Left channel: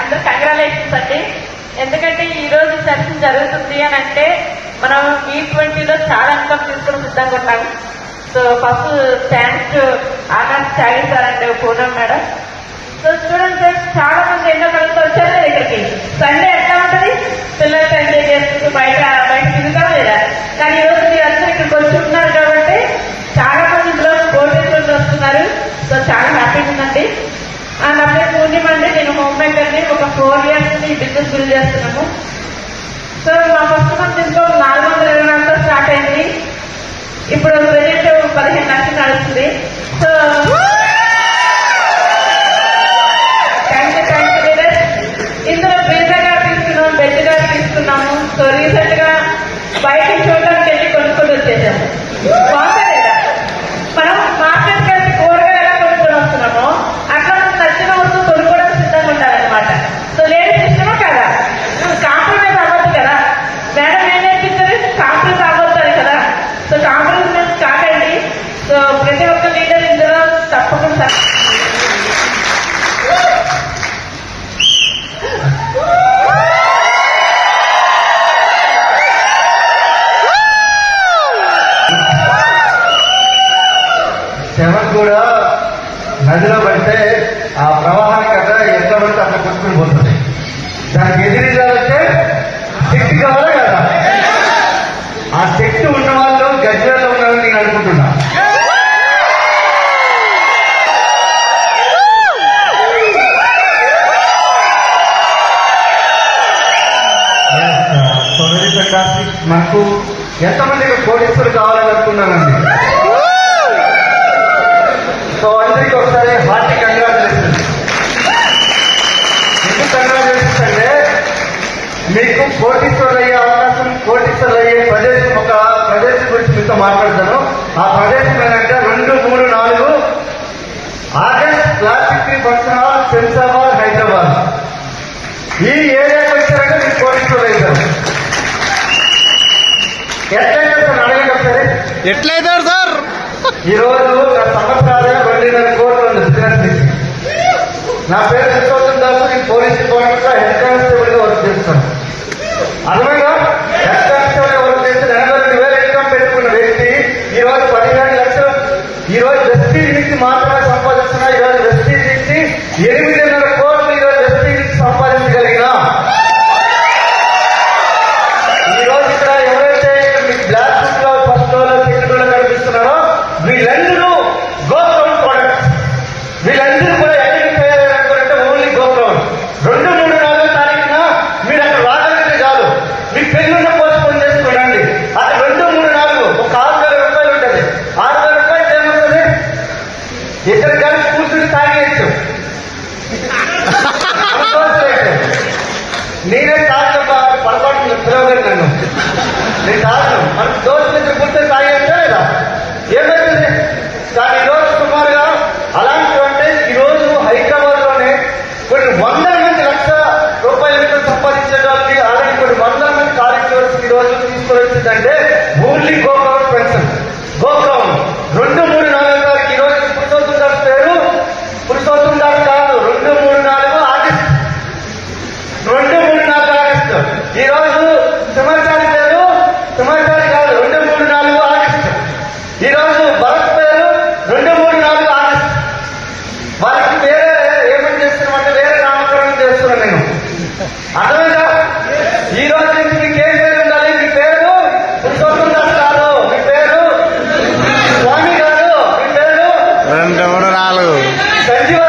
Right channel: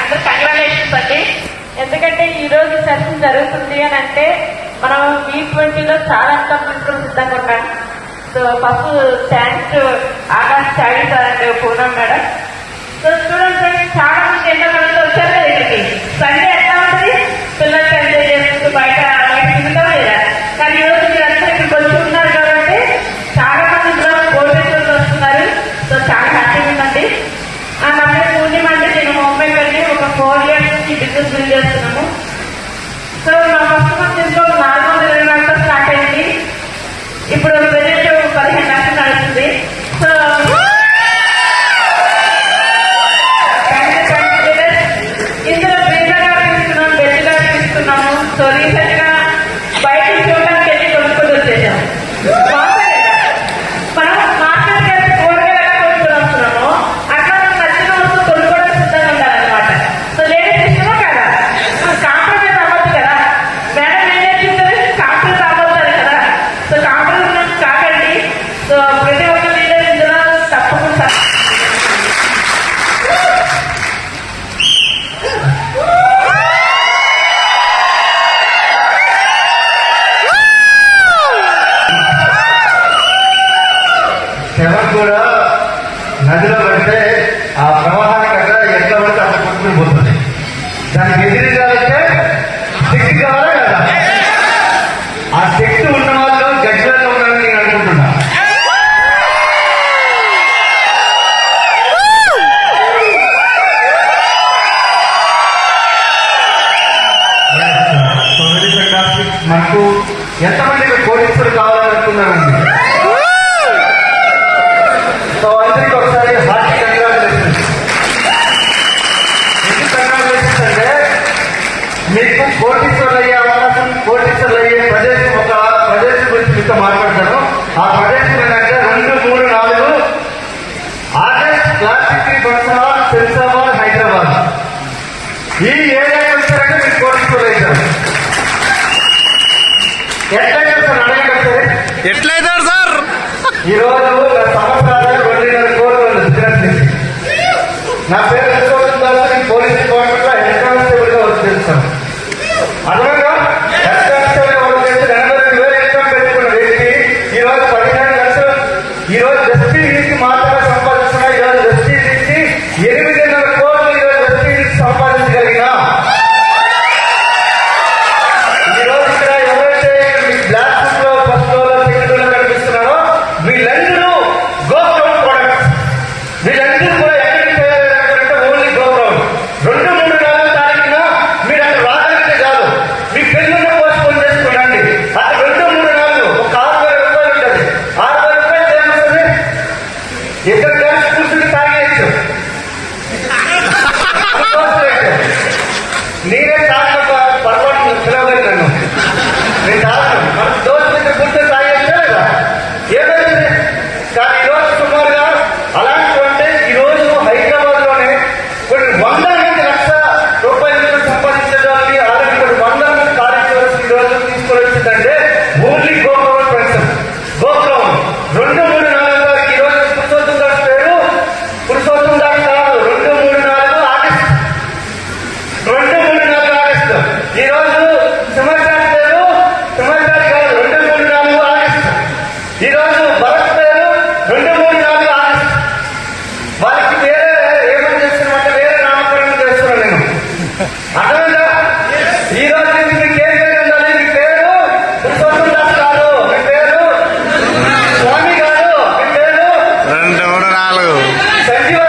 అందరూ కంగ్రాచులేషన్స్ అండి. ఎందుకంటే ఈ రోజు సెలక్షన్ జరుగుతుంది అని అంటే మనం E20లో చాలా అంతా తీసుకుని సిద్ధంగా ఉన్నాం. So first thanks to Akash Chari sir and Purna madam. So students చాలా మంది ఎండ పడుతూ వచ్చారు ఇక్కడికి. సండే ఎట్లా ఉంటుంది, పిల్లలతో ఎంజాయ్ చేస్తూ బయట తిరుగుతాం లేదా. కానీ ఈ రోజు మీరు అందరూ ఇక్కడికి వచ్చి ఉన్నారు కాబట్టి చాలా మంది ఇందులో బోర్డర్స్ వస్తున్నారు. సో చాలా హ్యాపీగా ఉందండి. నా పేరు పూర్ణిమ అండి. నేను హోమ్ మేకర్ని. ఒక 4 years నుంచి బిజినెస్ బిల్డ్ చేస్తున్నాను. సో నా ఫస్ట్ మంత్ ఇంట్లో 420 స్టార్ట్ అయింది. ఇప్పుడు బెనిఫిట్ 15 లక్షలు నడుస్తుంది. సో ఇందులో బిల్డర్గా తీసుకున్నాం, బెల్ట్గా తీసుకున్నాము. సో రీసెంట్ గా బయట చూడడానికి వెళ్ళి కొనుక్కొని వచ్చేసాము. మనం మార్కెట్కి వెళ్ళి కూరగాయలు కొనుక్కొని వస్తున్నాము. అక్కడ మనం నచ్చిన వస్తువు కొనుక్కోవడం సిద్ధంగా ఉండాలన్నమాట. సో లేడీస్ ఇష్టమా కదా, కాంప్రమైజ్ అవ్వదు కదా. మేడం ఏం నేర్పిస్తారు, కాంప్రమైజ్ అవ్వతారు కదా. సో కాంప్రమైజ్ కాదండి. సో ప్రతి ఒక్క లీడర్ ఇందులో తప్పకుండా శవం కూడా నదిలో పడితే ఆ ప్రవాహానికి అక్కడ ఎంత పడితే అక్కడ కొట్టుకుని పోతుంది. దానికి ఎదురుగా అంటే శక్తి కావాలా కదా. ఆ శక్తి ఉన్న వాళ్ళు గజ్జల్లో ఉన్నారని నేను అనుకుంటున్నా. మనకు ఎంతమంది కోటీశ్వరులు కావాలనుకున్నారండి. సో అందరికీ ఒకసారి హార్టీ కంగ్రాచులేషన్స్. ఎందుకు కంగ్రాచులేషన్స్ అంటే మీకు కోటీశ్వరులు అయ్యే అవకాశం, కోటీశ్వరులు అయ్యే ప్రదేశం, ఒక ప్రదేశం గురించి మీతో మాట్లాడతాను. ఆ ప్రదేశం ఏంటంటే 2, 3, 4 ఆగస్ట్ క్లాసిక్ వర్షమాల్ శంషాబాద్ హైదరాబాద్. ఈ ఏరియాకి వచ్చారంటే మీకు కోటీశ్వరులు అవుతారు. ఎట్లయితారు సార్? ఈ రోజు సంవత్సరాలుగా 20,000 కోట్లు బిజినెస్. నా పేరు పోలీస్ డిపార్ట్మెంట్ లో హెడ్ కానిస్టేబుల్ గా వర్క్ చేస్తాను. అలాగా హెడ్ కానిస్టేబుల్ గా వర్క్ చేస్తే 80,000 ఇన్కమ్ పెట్టుకున్న వ్యక్తి ఈ రోజు 15 లక్షలు ఈ రోజు ఎస్పీ నుంచి మాత్రమే సంపాదిస్తున్నా. ఈ రోజు ఎస్పీ నుంచి 8,500 కోట్లు ఈ రోజు ఎస్పీ నుంచి సంపాదించగలిగినా. ఈ రోజు ఇక్కడ ఎవరైతే మీ బ్లాక్ బుక్ లో ఫస్ట్ లో సెకండ్ లో కనిపిస్తున్నారో వీళ్ళందరూ గోప్రౌండ్ ప్రొడక్ట్స్. వీళ్ళందరూ కూడా ఎక్కడికి పోయారంటే ఓన్లీ గోప్రౌండ్. 2, 3, 4 తారీఖున మీరు అక్కడ రాగలిగితే కాదు, మీ పెళ్ళిలో పోస్ట్పోన్ చేసుకోండి. అక్కడ 2, 3, 4 ఒక 6,000 రూపాయలు ఉంటుంది. 6,000 రూపాయలు ఏమవుతుంది, ఇద్దరు కలిసి కూర్చుని తాగేయచ్చు. నేనే తాగిన పర్వాలేదు పిలవలేదు నన్ను. నేను తాగను. మన దోస్తుల దగ్గర కూర్చొని తాగేస్తే లేదా ఏమైంది. కానీ ఈ రోజు సుమారుగా అలాంటి అంటే ఈ రోజు హైదరాబాద్ లోనే కొన్ని 100 మంది లక్షల రూపాయలు సంపాదించే వాళ్ళకి అలాంటి 100 మంది కార్యక్రమాలు ఈ రోజు తీసుకొని వచ్చిందంటే ఓన్లీ గోపవన్ పెన్షన్ గోపవన్ 2, 3, 4 తారీఖు ఈ రోజు పురుషోత్తం దాస్ పేరు పురుషోత్తం దాస్ కాదు. 2, 3, 4 ఆగస్టు 2, 3, 4 ఆగస్టు. ఈ రోజు సంవత్సరాల పేరు సంవత్సరాలు కాదు 2, 3, 4 ఆగస్టు. ఈ రోజు భరత్ పేరు 2, 3, 4 ఆగస్టు. వాళ్ళకి వేరే ఏమేమి చేస్తున్నారంటే వేరే నామకరణం చేస్తున్నాను నేను. అర్థమైందా? ఈ రోజు నుంచి మీకు ఏం పేరు ఉండాలి? మీ పేరు పురుషోత్తం దాస్ కాదు, మీ పేరు స్వామి కాదు, మీ పేరు 2, 3, 4 సంజీవ